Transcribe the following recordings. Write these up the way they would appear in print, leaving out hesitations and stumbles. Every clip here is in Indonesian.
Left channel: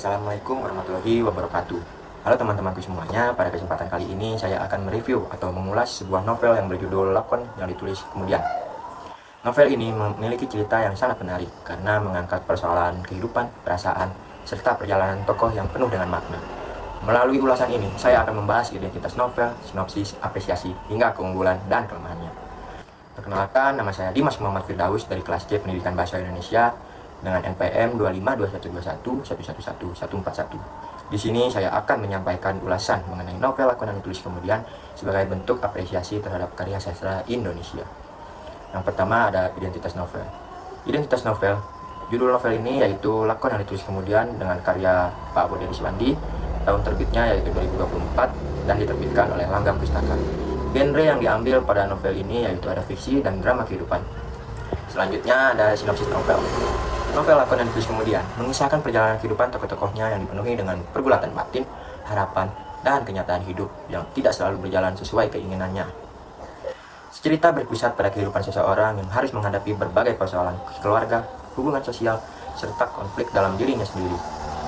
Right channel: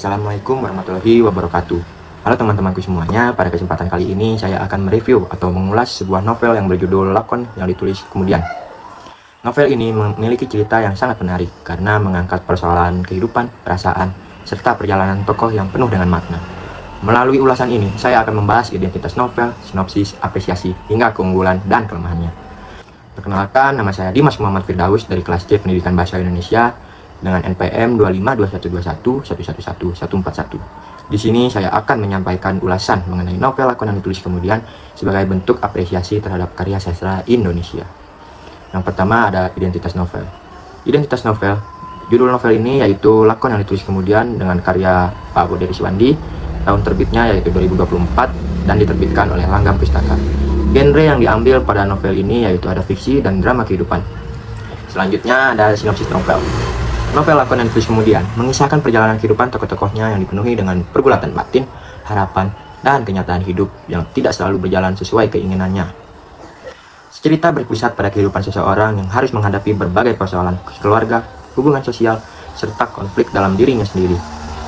Assalamualaikum warahmatullahi wabarakatuh. Halo teman-temanku semuanya, pada kesempatan kali ini saya akan mereview atau mengulas sebuah novel yang berjudul Lakon yang ditulis kemudian. Novel ini memiliki cerita yang sangat menarik karena mengangkat persoalan kehidupan, perasaan, serta perjalanan tokoh yang penuh dengan makna. Melalui ulasan ini, saya akan membahas identitas novel, sinopsis, apresiasi, hingga keunggulan dan kelemahannya. Perkenalkan, nama saya Dimas Muhammad Firdaus dari kelas C Pendidikan Bahasa Indonesia dengan NPM 252121111141. Di sini saya akan menyampaikan ulasan mengenai novel Lakon yang ditulis kemudian sebagai bentuk apresiasi terhadap karya sastra Indonesia. Yang pertama ada identitas novel. Identitas novel, judul novel ini yaitu Lakon yang ditulis kemudian dengan karya Pak Boderi Suwandi. Tahun terbitnya yaitu 2024 dan diterbitkan oleh Langgam Pustaka. Genre yang diambil pada novel ini yaitu ada fiksi dan drama kehidupan. Selanjutnya ada sinopsis novel. Novel Lakon yang ditulis kemudian mengisahkan perjalanan kehidupan tokoh-tokohnya yang dipenuhi dengan pergulatan batin, harapan, dan kenyataan hidup yang tidak selalu berjalan sesuai keinginannya. Cerita berpusat pada kehidupan seseorang yang harus menghadapi berbagai persoalan keluarga, hubungan sosial, serta konflik dalam dirinya sendiri.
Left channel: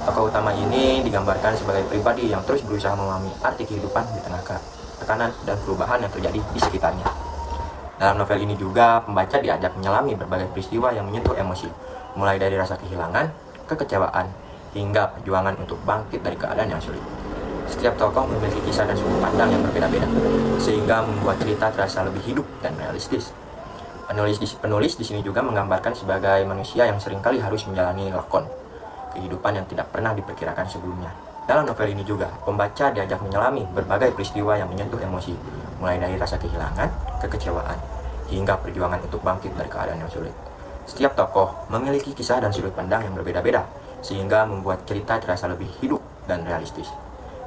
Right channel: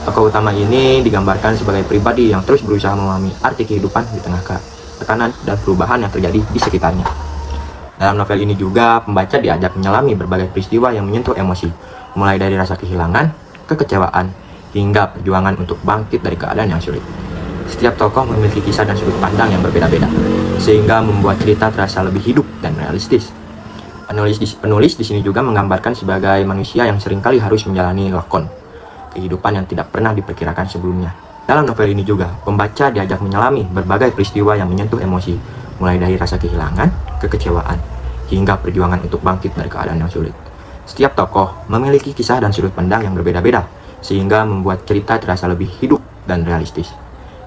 Tokoh utama ini digambarkan sebagai pribadi yang terus berusaha memahami arti kehidupan di tengah tekanan dan perubahan yang terjadi di sekitarnya. Dalam novel ini juga, pembaca diajak menyelami berbagai peristiwa yang menyentuh emosi, mulai dari rasa kehilangan, kekecewaan, hingga perjuangan untuk bangkit dari keadaan yang sulit. Setiap tokoh memiliki kisah dan sudut pandang yang berbeda-beda, sehingga membuat cerita terasa lebih hidup dan realistis. Penulis di sini juga menggambarkan sebagai manusia yang seringkali harus menjalani lakon, kehidupan yang tidak pernah diperkirakan sebelumnya. Dalam novel ini juga, pembaca diajak menyelami berbagai peristiwa yang menyentuh emosi, mulai dari rasa kehilangan, kekecewaan, hingga perjuangan untuk bangkit dari keadaan yang sulit. Setiap tokoh memiliki kisah dan sudut pandang yang berbeda-beda, sehingga membuat cerita terasa lebih hidup dan realistis.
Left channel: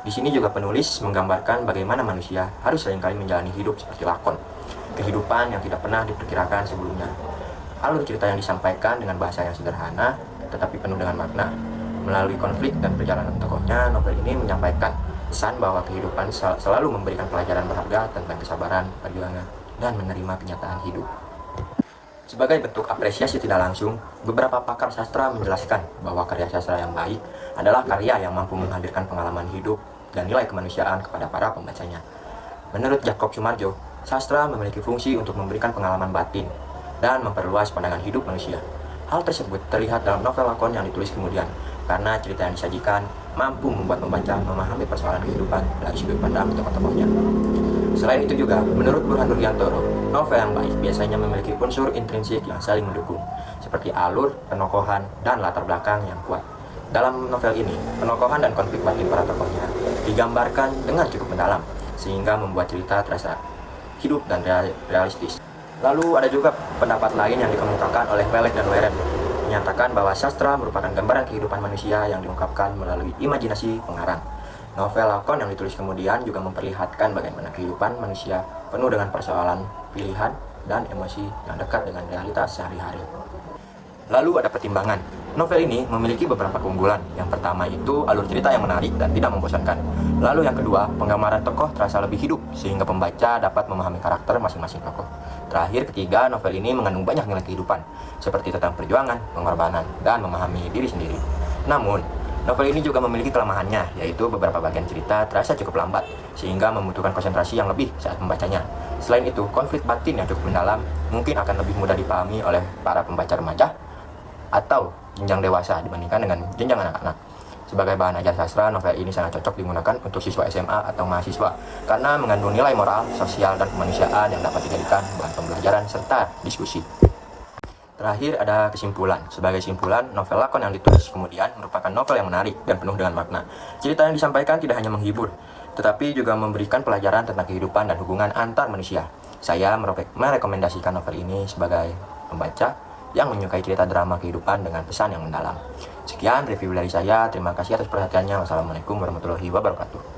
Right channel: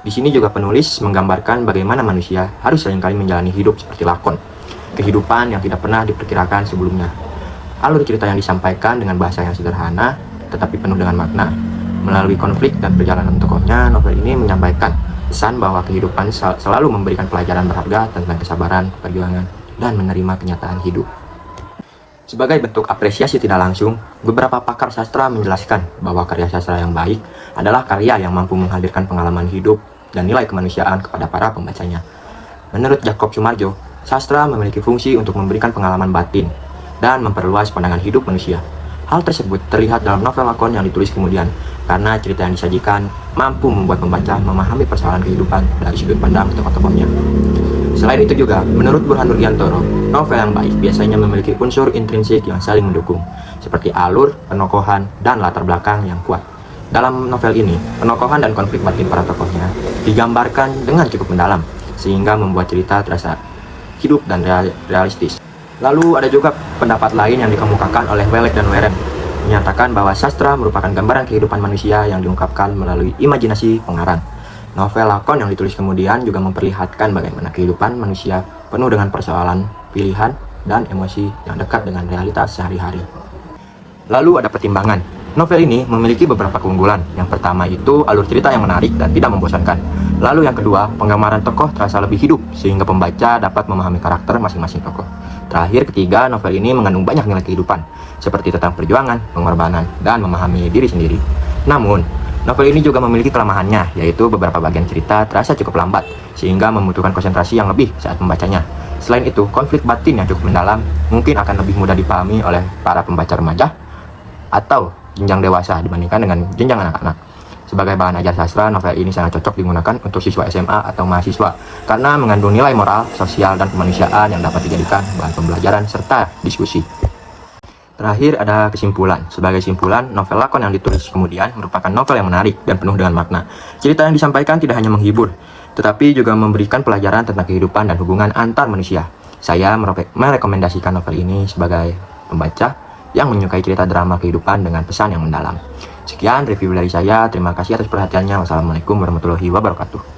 Di sini juga penulis menggambarkan bagaimana manusia harus seringkali menjalani hidup seperti lakon, kehidupan yang tidak pernah diperkirakan sebelumnya. Alur cerita yang disampaikan dengan bahasa yang sederhana, tetapi penuh dengan makna. Melalui konflik dan perjalanan tokohnya, novel ini menyampaikan pesan bahwa kehidupan selalu memberikan pelajaran berharga tentang kesabaran, perjuangan, dan menerima kenyataan hidup. Sebagai bentuk apresiasi tidak langsung, beberapa pakar sastra menjelaskan bahwa karya sastra yang baik adalah karya yang mampu menghadirkan pengalaman hidup dan nilai kemanusiaan kepada para pembacanya. Menurut Jakob Sumarjo, sastra memiliki fungsi untuk memberikan pengalaman batin dan memperluas pandangan hidup manusia. Hal tersebut terlihat dalam novel Lakon yang ditulis kemudian, karena cerita yang disajikan mampu membuat pembaca memahami persoalan kehidupan dari sudut pandang tokoh-tokohnya. Selain itu juga, menurut Burhan Nurjantoro, novel yang baik biasanya memiliki unsur intrinsik yang saling mendukung, seperti alur, penokohan, dan latar belakang yang kuat. Dalam novel ini, penokohan dan konflik batin para tokohnya digambarkan dengan cukup mendalam, sehingga membuat cerita terasa hidup dan realistis. Lalu ada juga pendapat lain yang dikemukakan oleh Welek dan Weren, menyatakan bahwa sastra merupakan gambaran kehidupan manusia yang diungkapkan melalui imajinasi pengarang. Novel Lakon yang ditulis kemudian juga memperlihatkan bagaimana kehidupan manusia penuh dengan persoalan, pilihan, dan emosi yang dekat dengan realitas sehari-hari. Lalu ada pertimbangan. Novel ini memiliki beberapa keunggulan. Yang pertama itu alur cerita yang menarik dan tidak membosankan. Lalu yang kedua, penggambaran tokoh terasa lebih hidup sehingga pembaca dapat memahami karakter masing-masing tokoh. Terakhir, ketiga, novel ini mengandung banyak nilai kehidupan, seperti tentang perjuangan, pengorbanan, dan memahami diri sendiri. Namun, novel ini juga memiliki kelemahannya, yaitu beberapa bagian cerita terasa cukup lambat, sehingga membutuhkan konsentrasi yang lebih saat membacanya. Selain itu, konflik batin yang cukup mendalam mungkin akan lebih mudah dipahami oleh para pembaca remaja atau jenjang dewasa dibandingkan dengan jenjang anak-anak. Sebagai bahan ajar sastra, novel ini sangat cocok digunakan untuk siswa SMA atau mahasiswa karena mengandung nilai moral, sosial, dan kemanusiaan yang dapat dijadikan bahan pembelajaran serta diskusi. Terakhir ada kesimpulan. Sebagai simpulan, novel Lakon yang ditulis kemudian merupakan novel yang menarik dan penuh dengan makna. Cerita yang disampaikan tidak hanya menghibur, tetapi juga memberikan pelajaran tentang kehidupan dan hubungan antar manusia. Saya merekomendasikan novel ini sebagai pembaca yang menyukai cerita drama kehidupan dengan pesan yang mendalam. Sekian review dari saya. Terima kasih atas perhatiannya. Wassalamualaikum warahmatullahi wabarakatuh.